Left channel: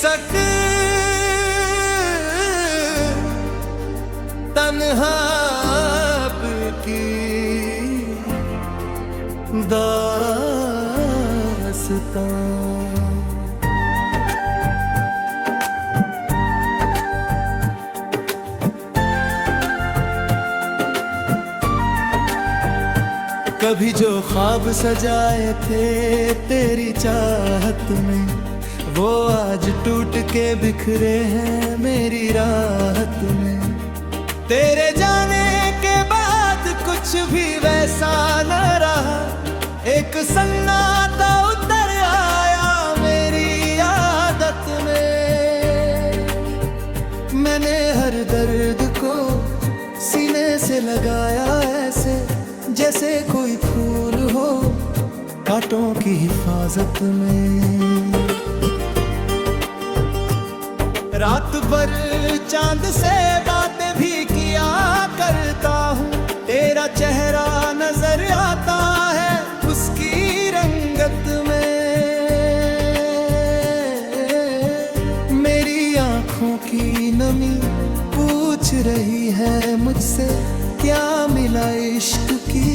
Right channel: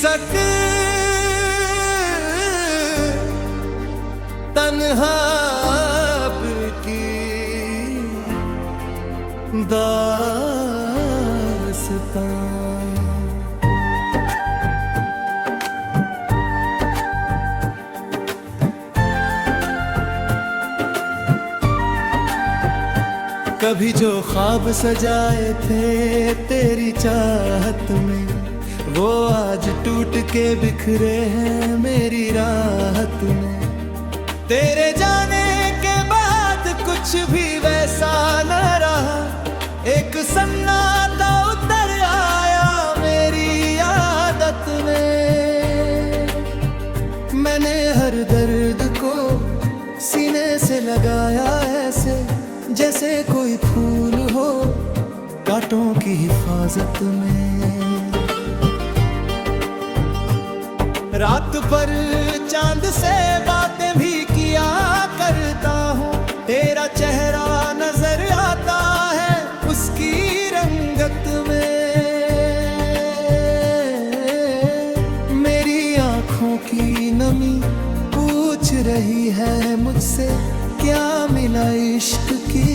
सक तन्हा की दास्तां। कभी जो ख्वाब सजाए थे तेरी चाहत में, वो आज टूट के बिखरे हैं मेरी राहत में। तेरे जाने के बाद कुछ भी वैसा न रहा, एक सन्नाटा उतर आया मेरी आदत में। मैंने हर दर्द को सीने से लगाया ऐसे, जैसे कोई फूल हो कांटों की हिफाजत में। रात भर चांद से बातें भी किया करता हूँ, तेरा चेहरा नजर आता है उसकी रंगत में। मेरी आँखों की नमी पूछ रही है मुझसे, क्या मिला इश्क की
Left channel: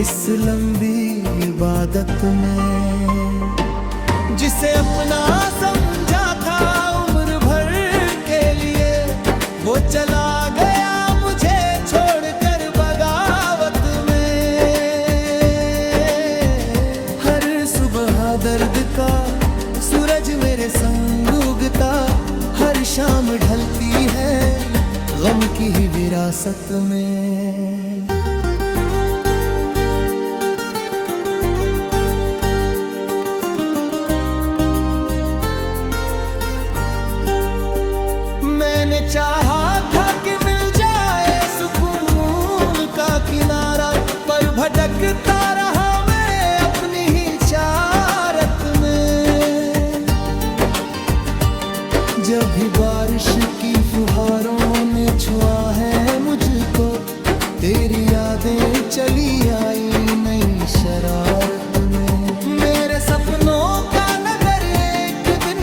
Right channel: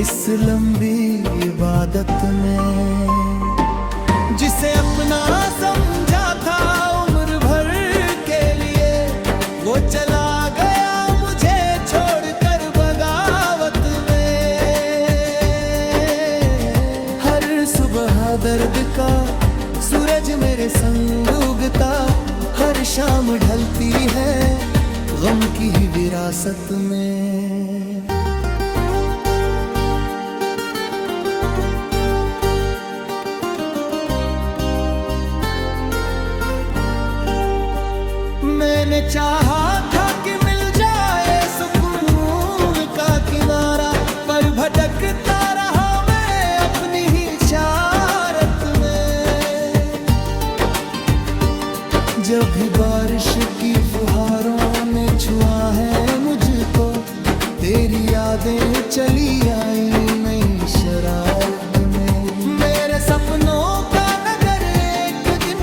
इस लंबी इबादत में। जिसे अपना समझा था उम्र भर के लिए, वो चला गया मुझे छोड़कर बगावत में। हर सुबह दर्द का सूरज मेरे संग उगता, हर शाम ढलती है गम की ही विरासत में। मैंने चाहा था कि मिल जाए सुकून का किनारा, पर भटकता रहा मैं अपनी ही चारत में। जब भी बारिश की फुहारों ने छुआ है मुझको, तेरी यादें चली आई नई शरारत में। मेरे सपनों का नगर एक दिन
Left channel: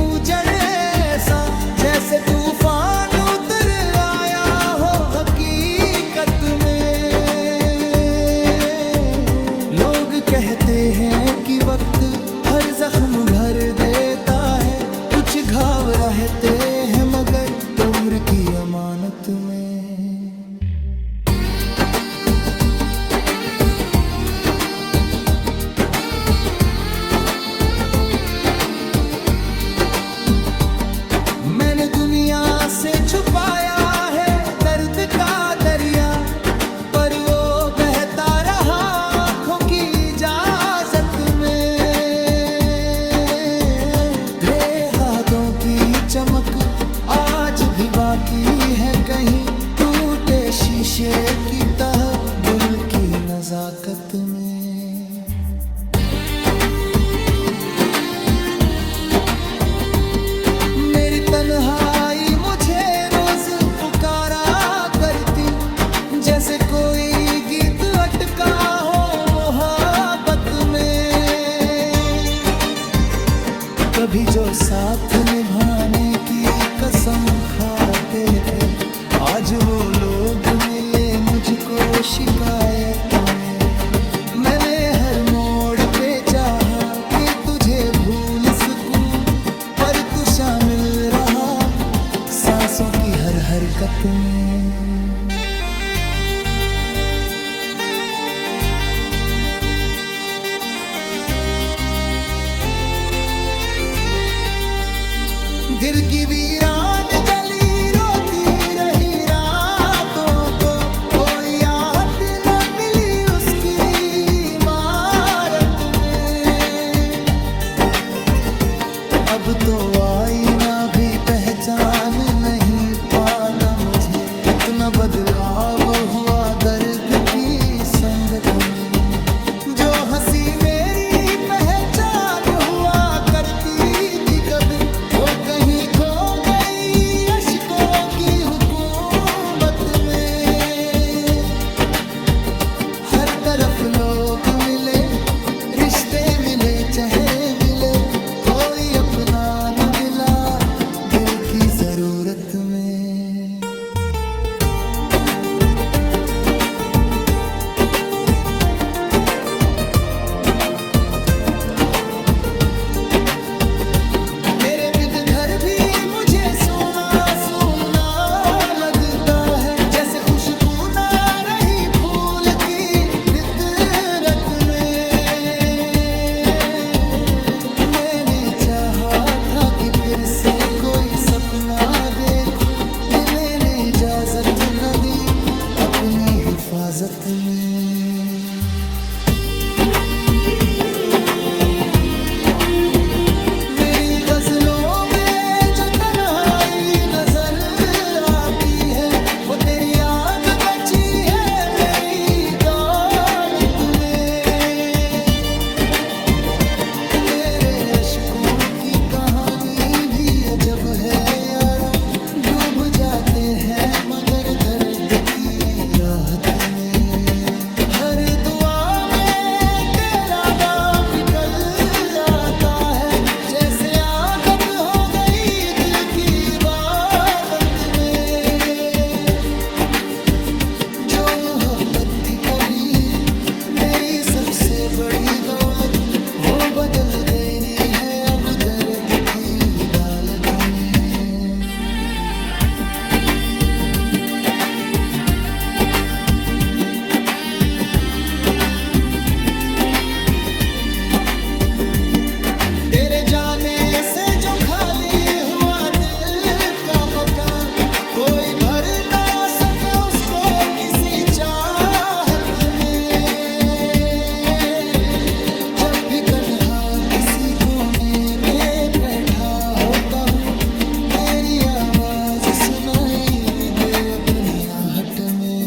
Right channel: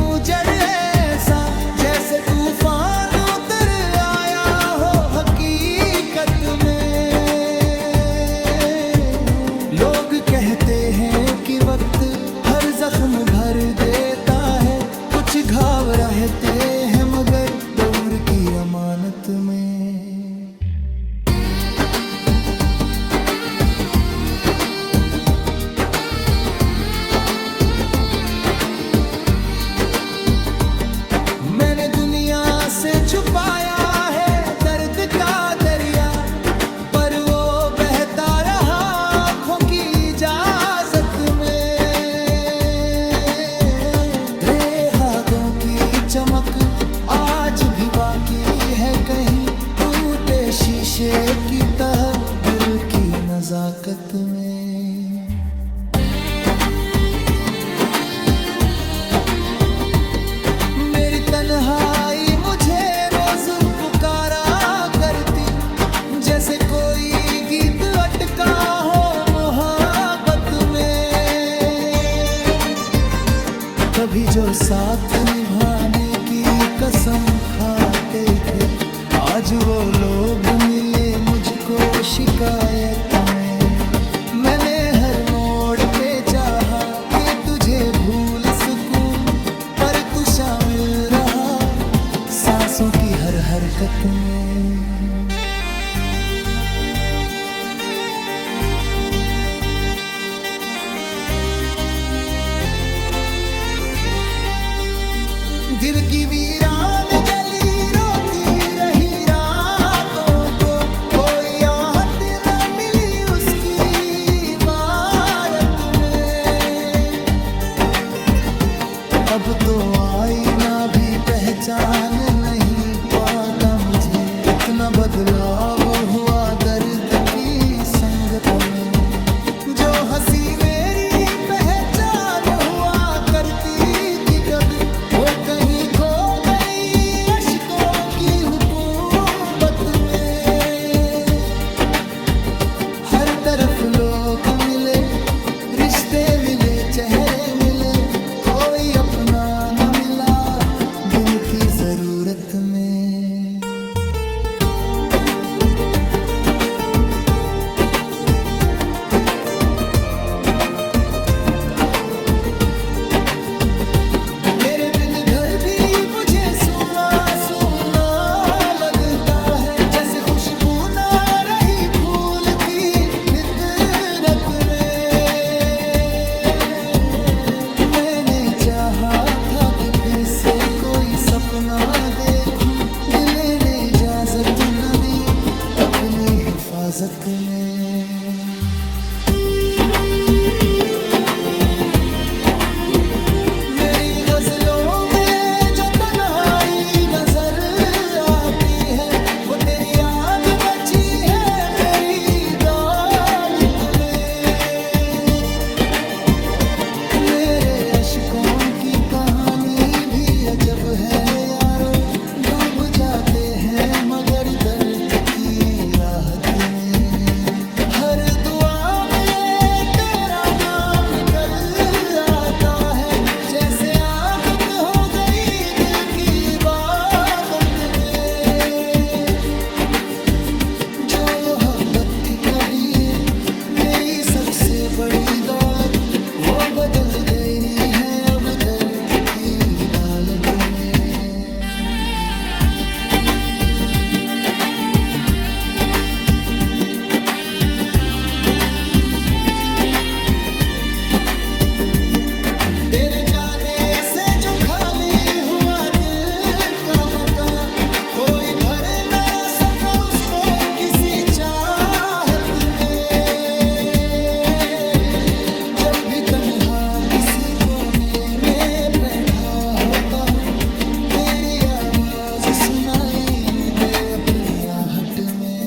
उजड़ ऐसा, जैसे तूफान उतर आया हो हकीकत में। लोग कहते हैं कि वक्त हर जख्म भर देता है, कुछ घाव रहते हैं मगर उम्र की अमानत में। मैंने दुनिया से छुपाया है दर्द का दरिया, पर वो बहता रहा आँखों की इजाजत में। हाथों की चमक आज भी बाकी है कहीं, टूटे शीशे की तह दिल की नजाकत में। मेरी तन्हाई मुझे रोज पुकारा करती, जैसे कोई गीत अटका हो मोहब्बत में। कभी जो साथ निभाने की कसम खाते थे, आज वो लोग मिले मुझको शिकायत में। मैंने हर मोड़ पे चाहा कि तुझे भूल सकूं, पर तू शामिल रहा सांसों की हर हरकत में। दिल की वीरान जली रोती रही रातों को, कोई आहट न मिली उसकी इमारत में। अब तो आईना भी पहचान नहीं पाता मुझे, इतना बदलाव हुआ दर्द की संगत में। जो हंसी मेरी पहचान हुआ करती थी कभी, वो कहीं खो गई अश्कों की हुकूमत में। हर तरफ लोग मिले, रिश्ते मिले, चेहरे मिले, कोई अपना न मिला की जरूरत में। तेरे बिन घर भी मुझे सूना सूना लगता है, जैसे खुशबू ना रही फूल की फितरत में। मैंने चाहा था कि फिर से कोई सपना देखूं, दिल ने इजाजत न दी अपनी हिफाजत में। मेरी गजलों में जो तन्हाई नजर आती है, वो तेरी याद बची है मेरी दौलत में। मेरे अशकों की कहानी भी अजब है यारो, डूब जाते हैं मगर दर्द की राहत में। हर दुआ में तेरा नाम निकल आता है, जैसे आदत हो गई दिल की इबादत में। जो मोहब्बत थी कभी मेरी सबसे बड़ी दौलत, वो बदल गई है अब दर्द की दालत में। तेरे जाने से जो खाली हुआ दिल का मकान, कोई भर ना सका उसको किसी चाहत में। जब भी तन्हा किसी कोने में बैठा होता हूँ, तेरी आवाज सुनाई दे अपनी आहट में।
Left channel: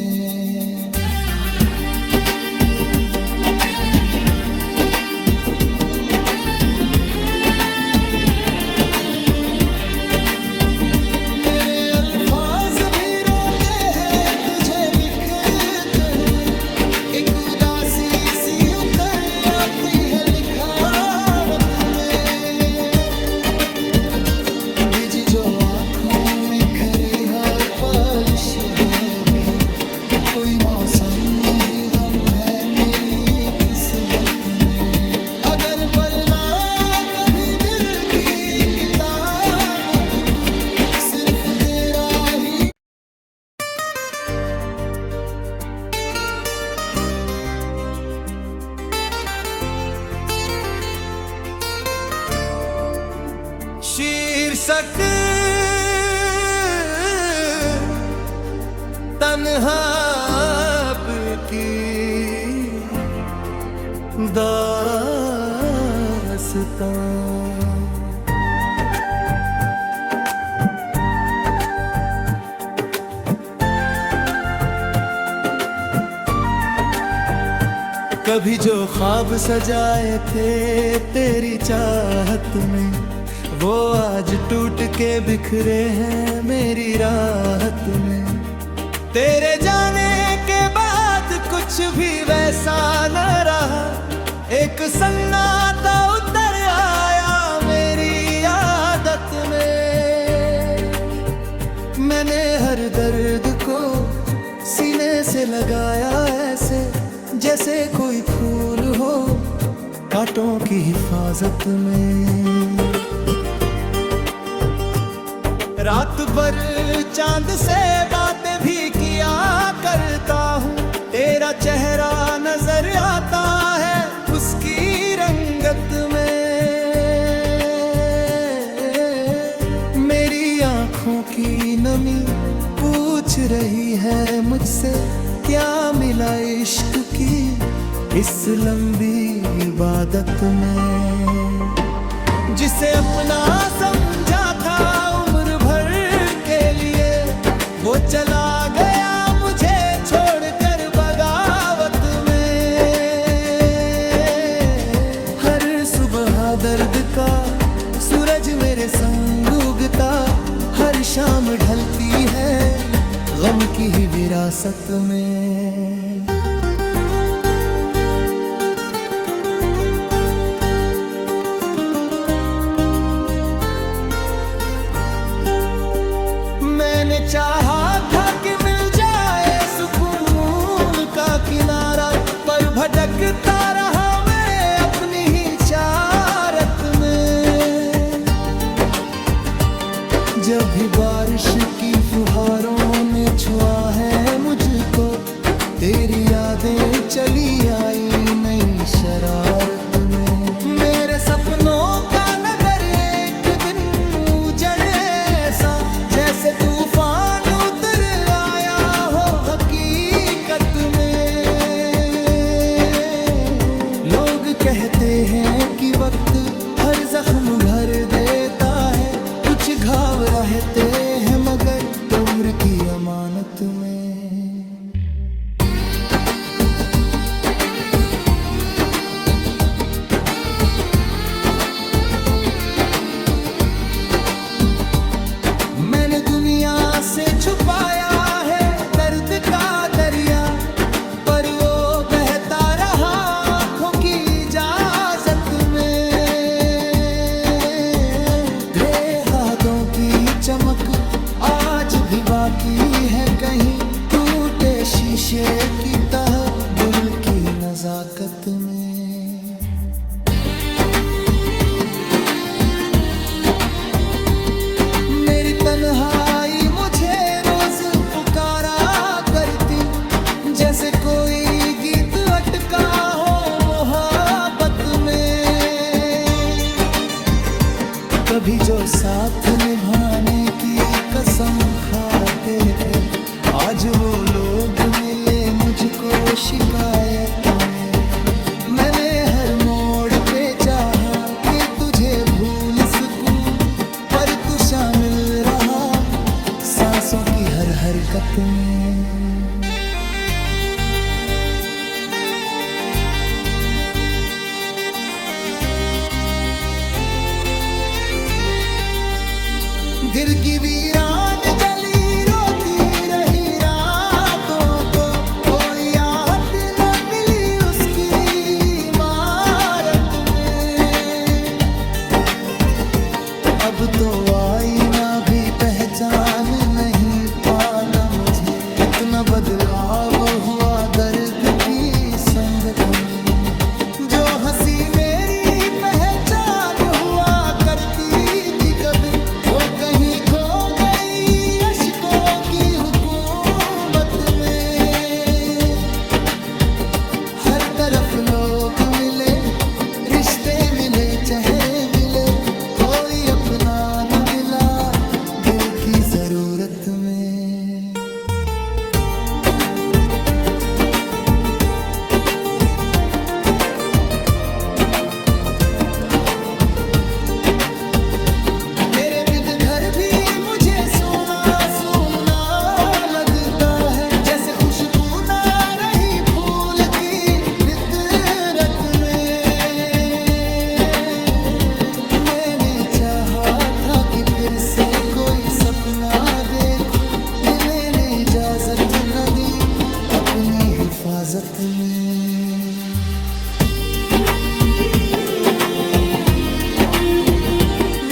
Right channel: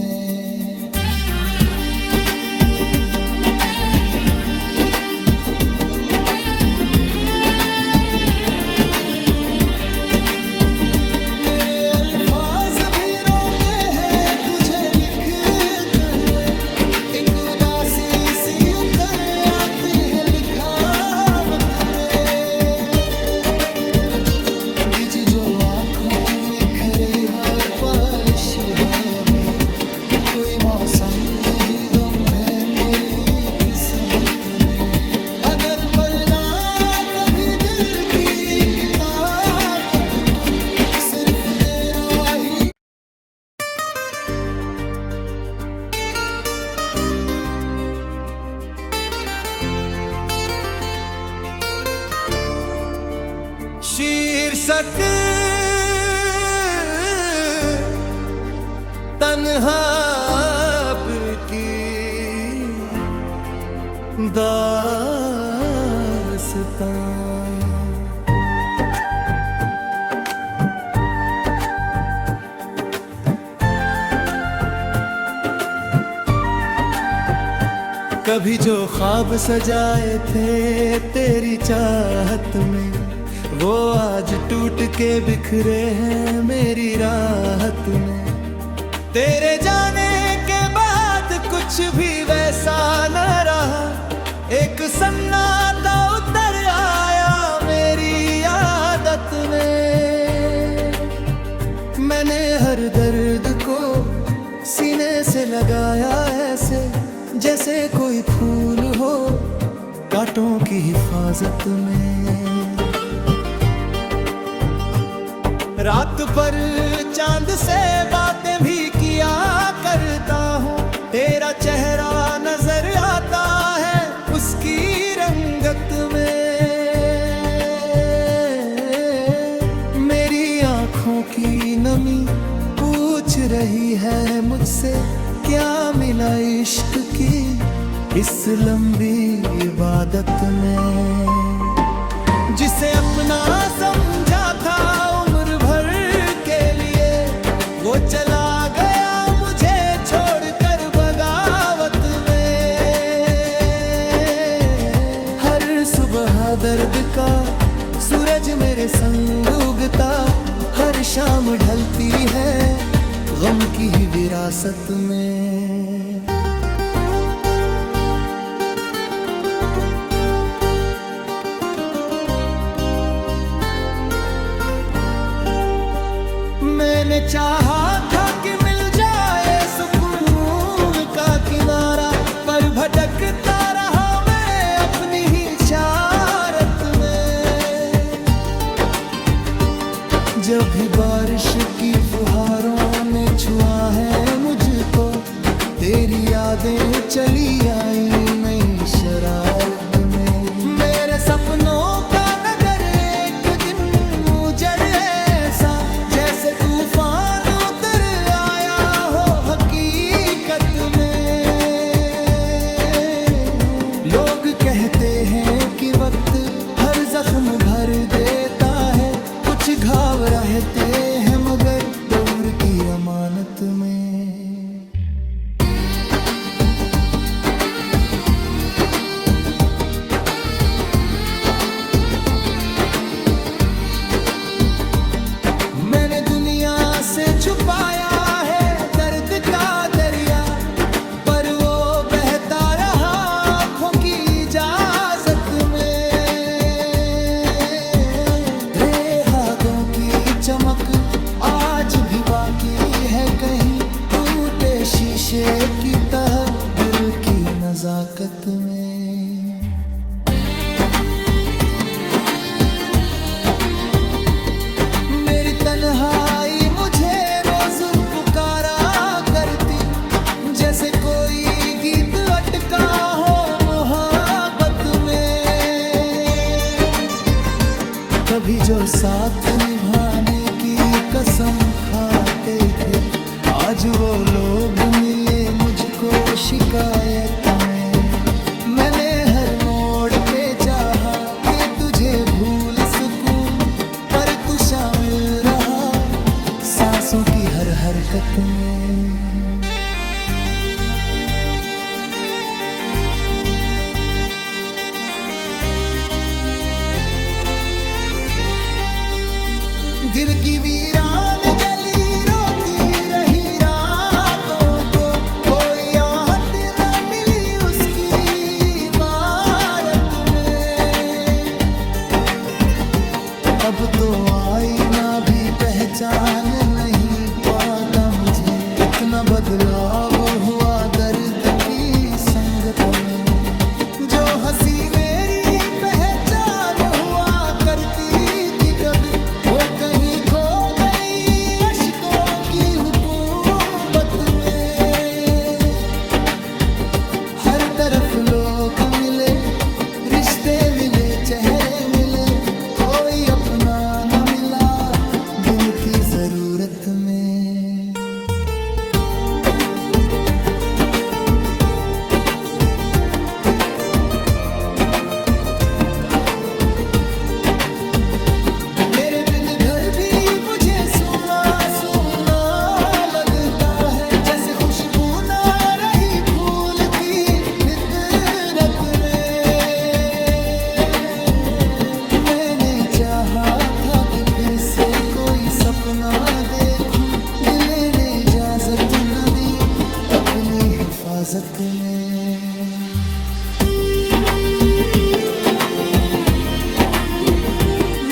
सी उतर आती है लिखावत में, बिज जो आंखों में खरी हर पालिश है अभी। कोई मौसम नहीं गम है मेरी किस्मत में। अगर पढ़ना कभी दिल की किताबों को तुम, सिर्फ तेरा ही शीर्षक तन्हा की दास्तां। कभी जो ख्वाब सजाए थे तेरी चाहत में, वो आज टूट के बिखरे हैं मेरी राहत में। तेरे जाने के बाद कुछ भी वैसा न रहा, एक सन्नाटा उतर आया मेरी आदत में। मैंने हर दर्द को सीने से लगाया ऐसे, जैसे कोई फूल हो कांटों की हिफाजत में। रात भर चांद से बातें भी किया करता हूँ, तेरा चेहरा नजर आता है उसकी रंगत में। मेरी आंखों की नमी पूछ रही है मुझसे, क्या मिला इश्क की इस लंबी इबादत में। जिसे अपना समझा था उम्र भर के लिए, वो चला गया मुझे छोड़कर बगावत में। हर सुबह दर्द का सूरज मेरे संग उगता, हर शाम ढलती है गम की ही विरासत में। मैंने चाहा था कि मिल जाए सुकून का किनारा, पर भटकता रहा मैं अपनी ही चारत में। जब भी बारिश की फुहारों ने छुआ है मुझको, तेरी यादें चली आई नई शरारत में। मेरे सपनों का नगर एक दिन उजड़ ऐसा, जैसे तूफान उतर आया हो हकीकत में। लोग कहते हैं कि वक्त हर जख्म भर देता है, कुछ घाव रहते हैं मगर उम्र की अमानत में। मैंने दुनिया से छुपाया है दर्द का दरिया, पर वो बहता रहा आँखों की इजाजत में। तेरे हाथों की चमक आज भी बाकी है कहीं, टूटे शीशे की तरह दिल की नजाकत में। मेरी तन्हाई मुझे रोज पुकारा करती, जैसे कोई गीत अटका हो मोहब्बत में। कभी जो साथ निभाने की कसम खाते थे, आज वो लोग मिले मुझको शिकायत में। मैंने हर मोड़ पे चाहा कि तुझे भूल सकूं, पर तू शामिल रहा सांसों की हर हरकत में। दिल की वीरान जली रोती रही रातों को, कोई आहट न मिली उसकी इमारत में। अब तो आईना भी पहचान नहीं पाता मुझे, इतना बदलाव हुआ दर्द की संगत में। जो हंसी मेरी पहचान हुआ करती थी कभी, वो कहीं खो गई अश्कों की हुकूमत में। हर तरफ लोग मिले, रिश्ते मिले, चेहरे मिले, कोई अपना न मिला दिल की जरूरत में। तेरे बिन घर भी मुझे सूना सूना लगता है, जैसे खुशबू ना रही फूल की फितरत में। चाहा था कि फिर से कोई सपना देखूं, दिल ने इजाजत न दी अपनी हिफाजत में।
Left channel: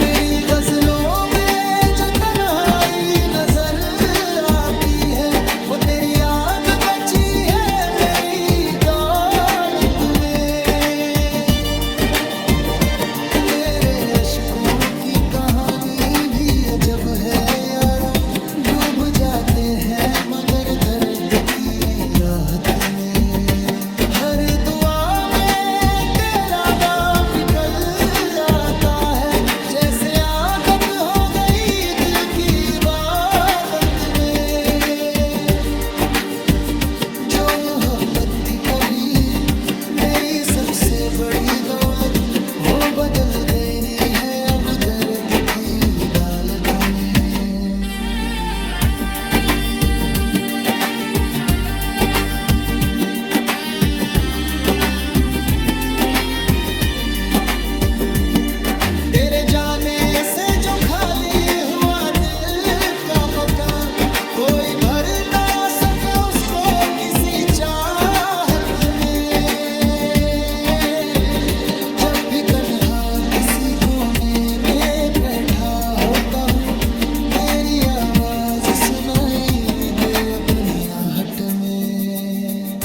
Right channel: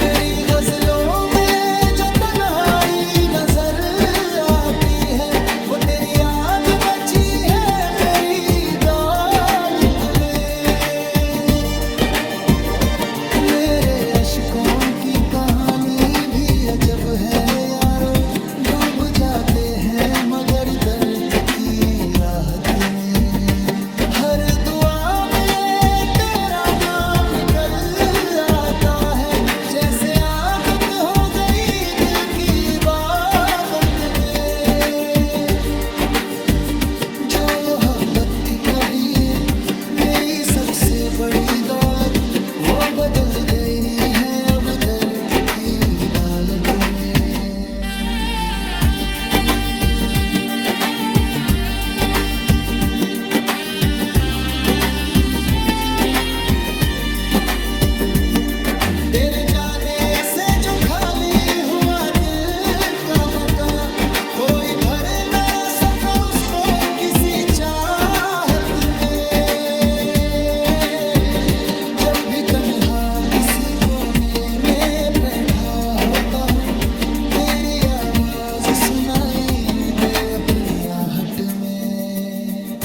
मेरी गजलों में जो तन्हाई नजर आती है, वो तेरी याद बची है मेरी दौलत में। मेरे अशकों की कहानी भी अजब है यारो, डूब जाते हैं मगर दर्द की राहत में। हर दुआ में तेरा नाम निकल आता है, जैसे आदत हो गई दिल की इबादत में। जो मोहब्बत थी कभी मेरी सबसे बड़ी दौलत, वो बदल गई है अब दर्द की डालत में। तेरे जाने से जो खाली हुआ दिल का मकान, कोई भर ना सका उसको किसी चाहत में। जब भी तन्हा किसी कोने में बैठा होता हूँ, तेरी आवाज सुनाई दे अपनी आहट में।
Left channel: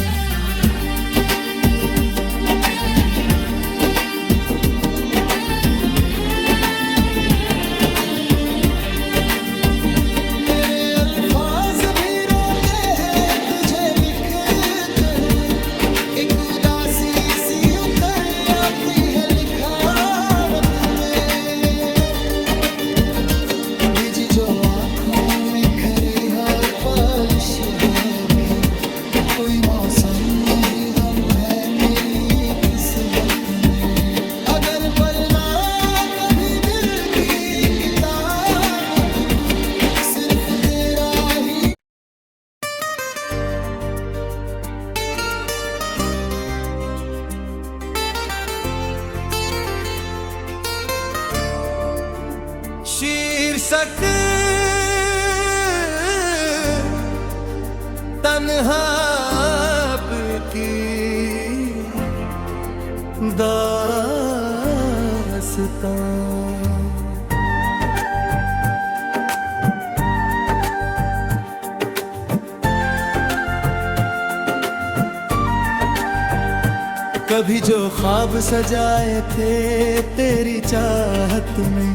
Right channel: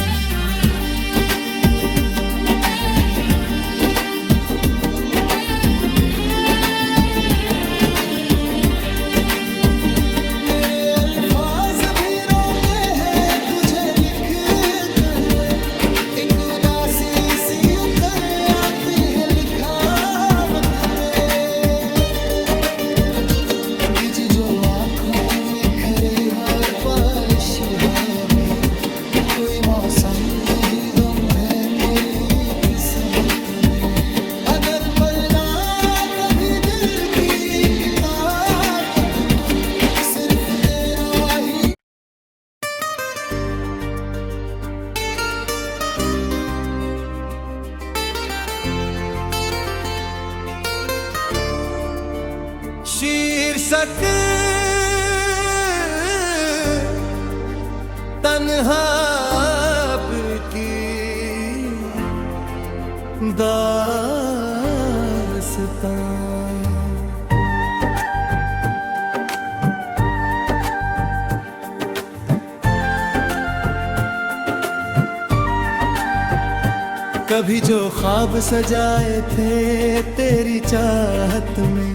मेरे अल्फाज भी रोते हैं तुझे लिखते हुए, एक उदासी सी उतर आती है लिखावत में। बिजी जो आंखों में खरी हर पालिश है अभी, कोई मौसम नहीं गम है मेरी किस्मत में। अगर पढ़ना कभी दिल की किताबों को तुम, सिर्फ तेरा ही शीर्षक तन्हा की दास्तां। कभी जो ख्वाब सजाए थे तेरी चाहत में,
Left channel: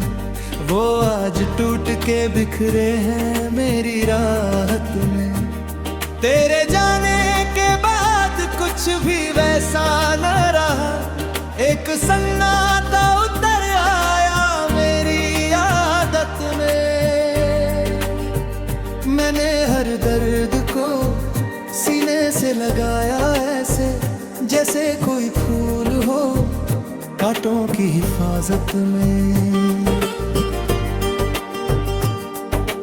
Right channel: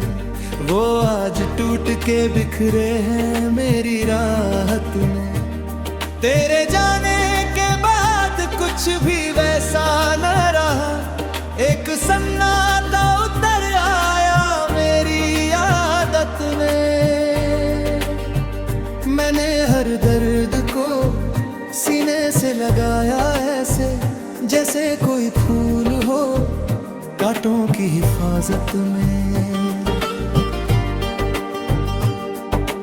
वो आज टूट के बिखरे हैं मेरी राहत में। तेरे जाने के बाद कुछ भी वैसा न रहा, एक सन्नाटा उतर आया मेरी आदत में। मैंने हर दर्द को सीने से लगाया ऐसे, जैसे कोई फूल हो कांटों की हिफाजत में।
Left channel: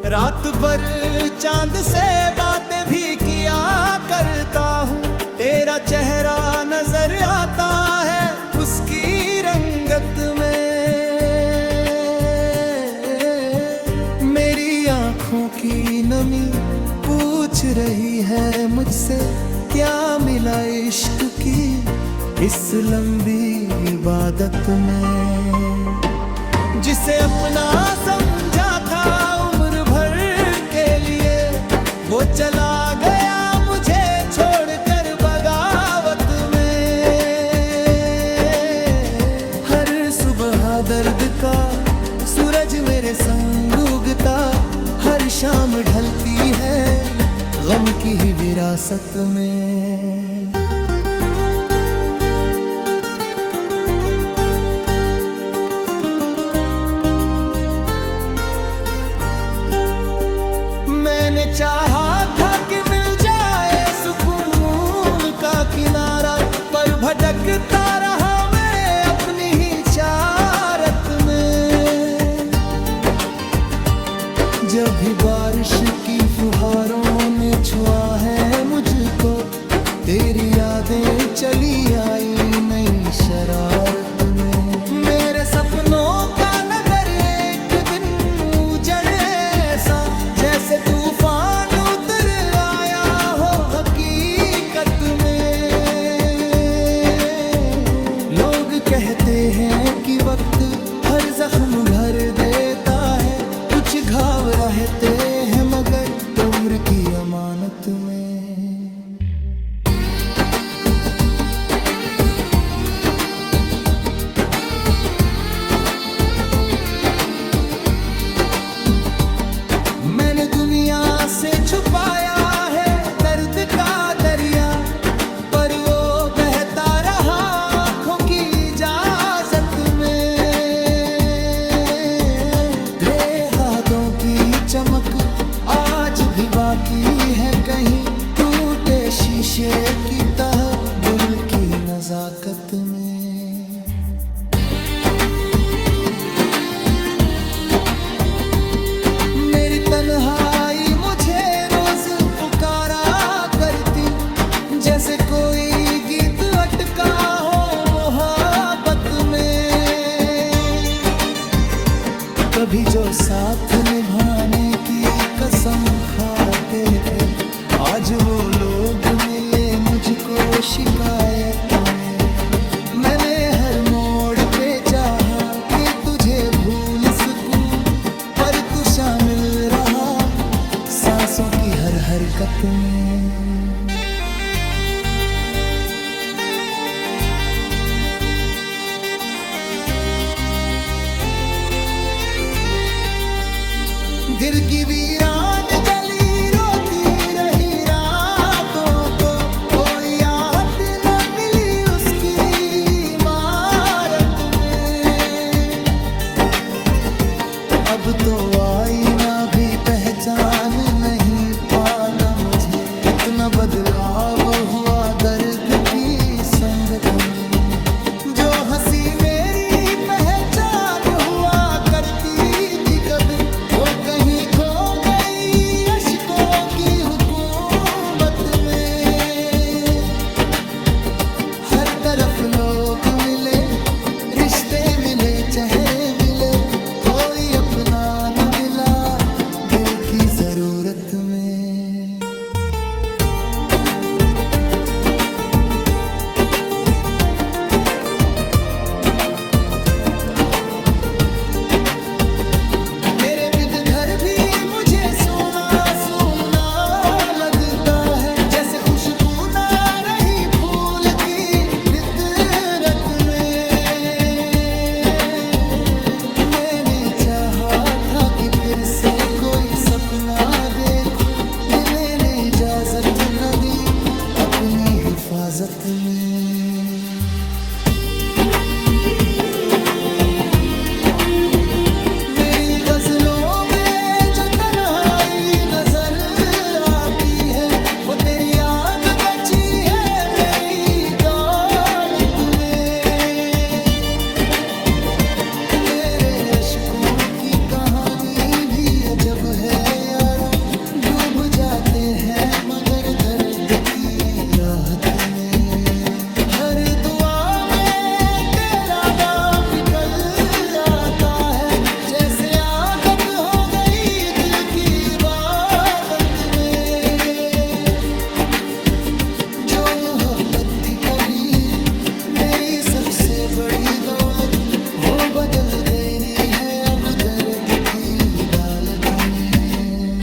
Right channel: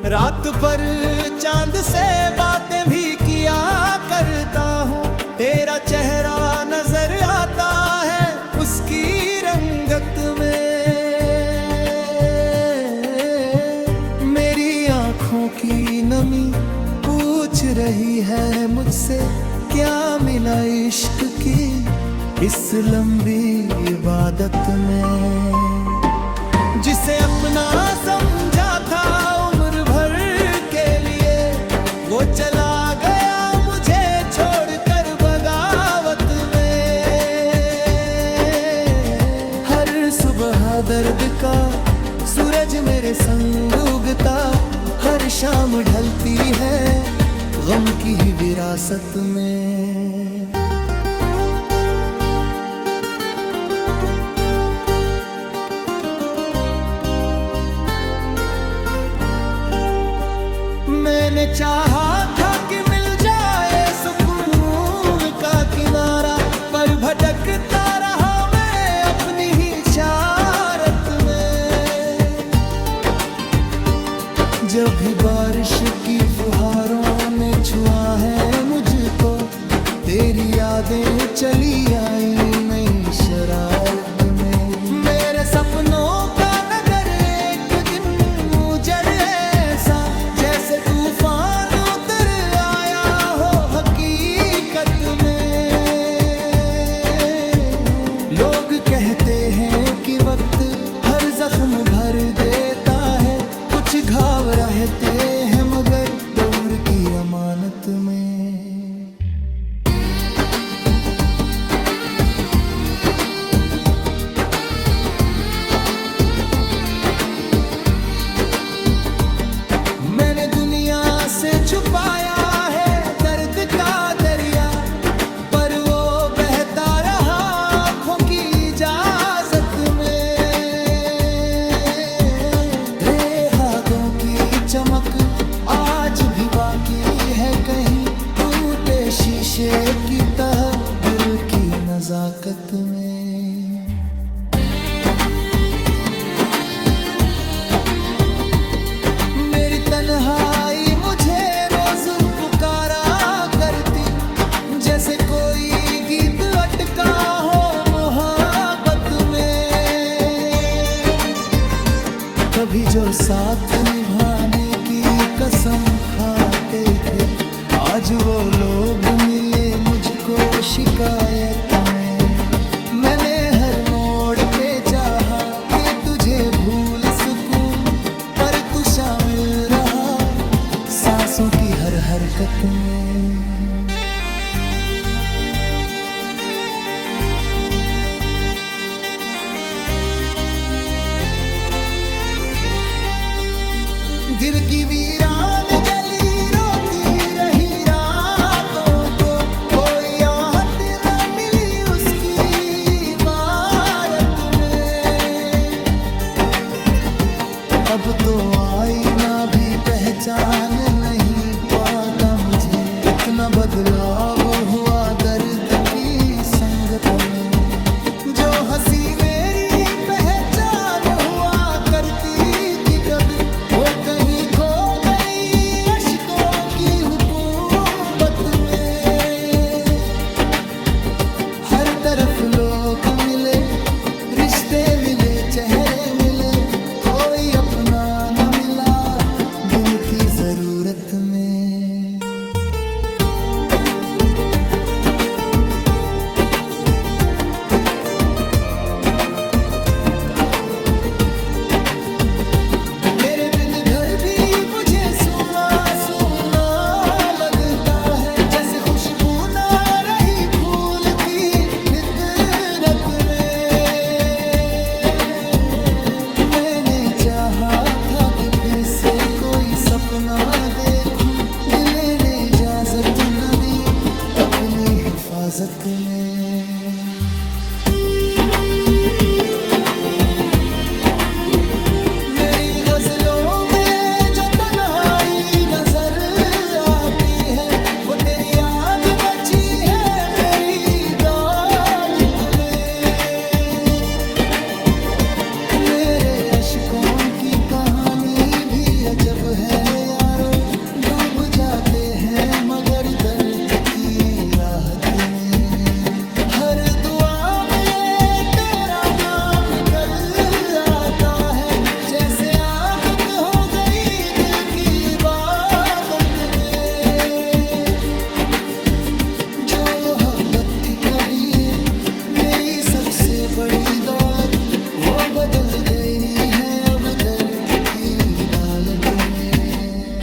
रात भर चांद से बातें भी किया करता हूँ, तेरा चेहरा नजर आता है उसकी रंगत में। मेरी आंखों की नमी पूछ रही है मुझसे, क्या मिला इश्क की इस लंबी इबादत में। जिसे अपना समझा था उम्र भर के लिए, वो चला गया मुझे छोड़कर बगावत में। हर सुबह दर्द का सूरज मेरे संग उगता, हर शाम ढलती है गम की ही विरासत में। मैंने चाहा था कि मिल जाए सुकून का किनारा, पर भटकता रहा मैं अपनी ही चारत में। जब भी बारिश की फुहारों ने छुआ है मुझको, तेरी यादें चली आई नई शरारत में। मेरे सपनों का नगर एक दिन उजड़ ऐसा, जैसे तूफान उतर आया हो हकीकत में। लोग कहते हैं कि वक्त हर जख्म भर देता है, कुछ घाव रहते हैं मगर उम्र की अमानत में। मैंने दुनिया से छुपाया है दर्द का दरिया, पर वो बहता रहा आँखों की इजाजत में। तेरे हाथों की चमक आज भी बाकी है कहीं, टूटे शीशे की तरह दिल की नजाकत में। मेरी तन्हाई मुझे रोज पुकारा करती, जैसे कोई गीत अटका हो मोहब्बत में। कभी जो साथ निभाने की कसम खाते थे, आज वो लोग मिले मुझको शिकायत में। मैंने हर मोड़ पे चाहा कि तुझे भूल सकूं, पर तू शामिल रहा सांसों की हर हरकत में। गिर की वीरान जली रोती रही रातों को, कोई आहट न मिली उसकी इमारत में। अब तो आईना भी पहचान नहीं पाता मुझे, इतना बदलाव हुआ दर्द की संगत में। जो हंसी मेरी पहचान हुआ करती थी कभी, वो कहीं खो गई अश्कों की हुकूमत में। हर तरफ लोग मिले, रिश्ते मिले, चेहरे मिले, कोई अपना न मिला दिल की जरूरत में। घर भी मुझे सूना सूना लगता है, जैसे खुशबू ना रही फूल की फितरत में। मैंने चाहा था कि फिर से कोई सपना देखूं, दिल ने इजाजत न दी अपनी हिफाजत में। मेरी गजलों वो तेरी याद बची है मेरी दौलत में। मेरे अश्कों की कहानी भी अजब है यारो, डूब जाते हैं मगर दर्द की राहत में। हर दुआ में तेरा नाम निकल आता है, जैसे आदत हो गई दिल की इबादत में। मोहब्बत थी कभी मेरी सबसे बड़ी दौलत, वो बदल गई है अब दर्द की डालत में।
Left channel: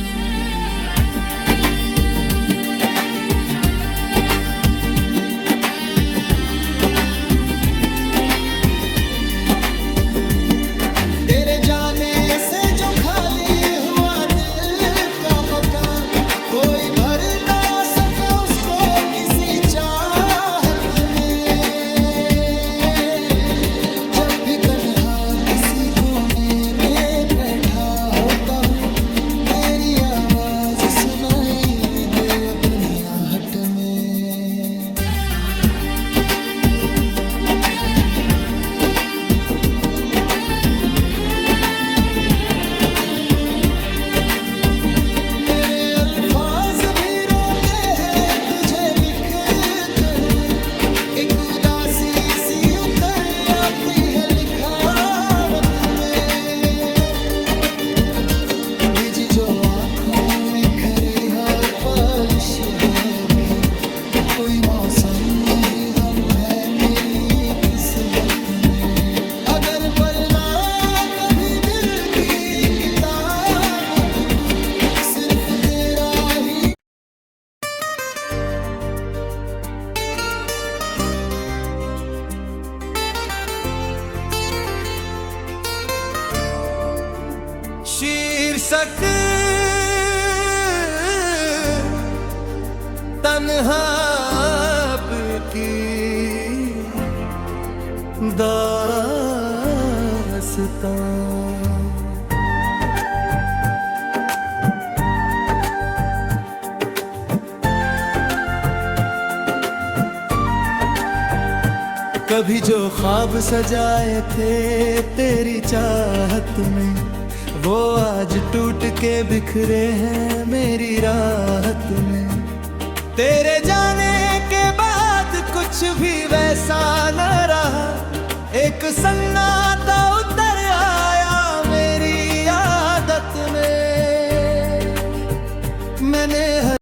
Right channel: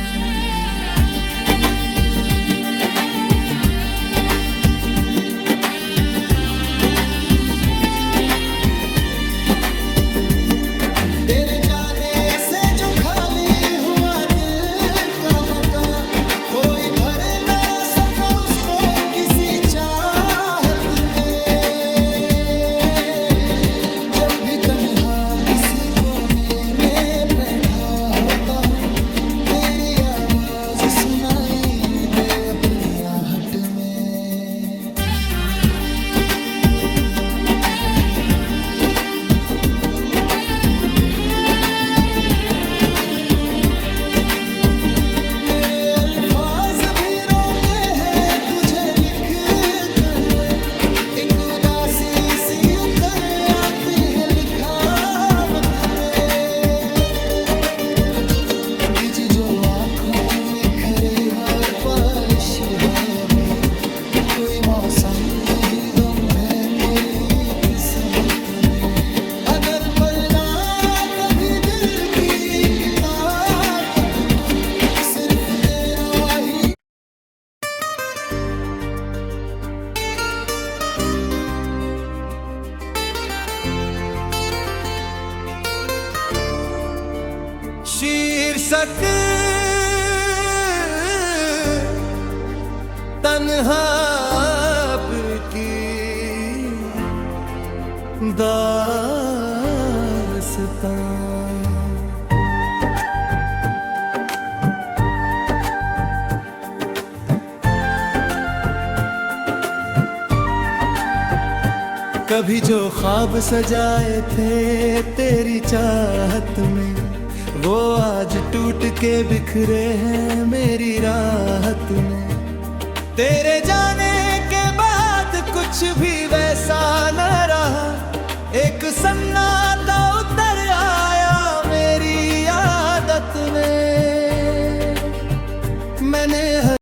तेरे जाने से जो खाली हुआ दिल का मकान, कोई भर ना सका उसको किसी चाहत में। जब भी तन्हा किसी कोने में बैठा होता हूँ, तेरी आवाज सुनाई दे अपनी आहट में। सी उतर आती है लिखावत में, बिजी जो आंखों में खरी हर पालिश है अभी। कोई मौसम नहीं गम है मेरी किस्मत में। अगर पढ़ना कभी दिल की किताबों को तुम, सिर्फ तेरा ही शीर्षक तन्हा की दास्तां। कभी जो ख्वाब सजाए थे तेरी चाहत में, वो आज टूट के बिखरे हैं मेरी राहत में। तेरे जाने के बाद कुछ भी वैसा न रहा, एक सन्नाटा उतर आया मेरी आदत में। मैंने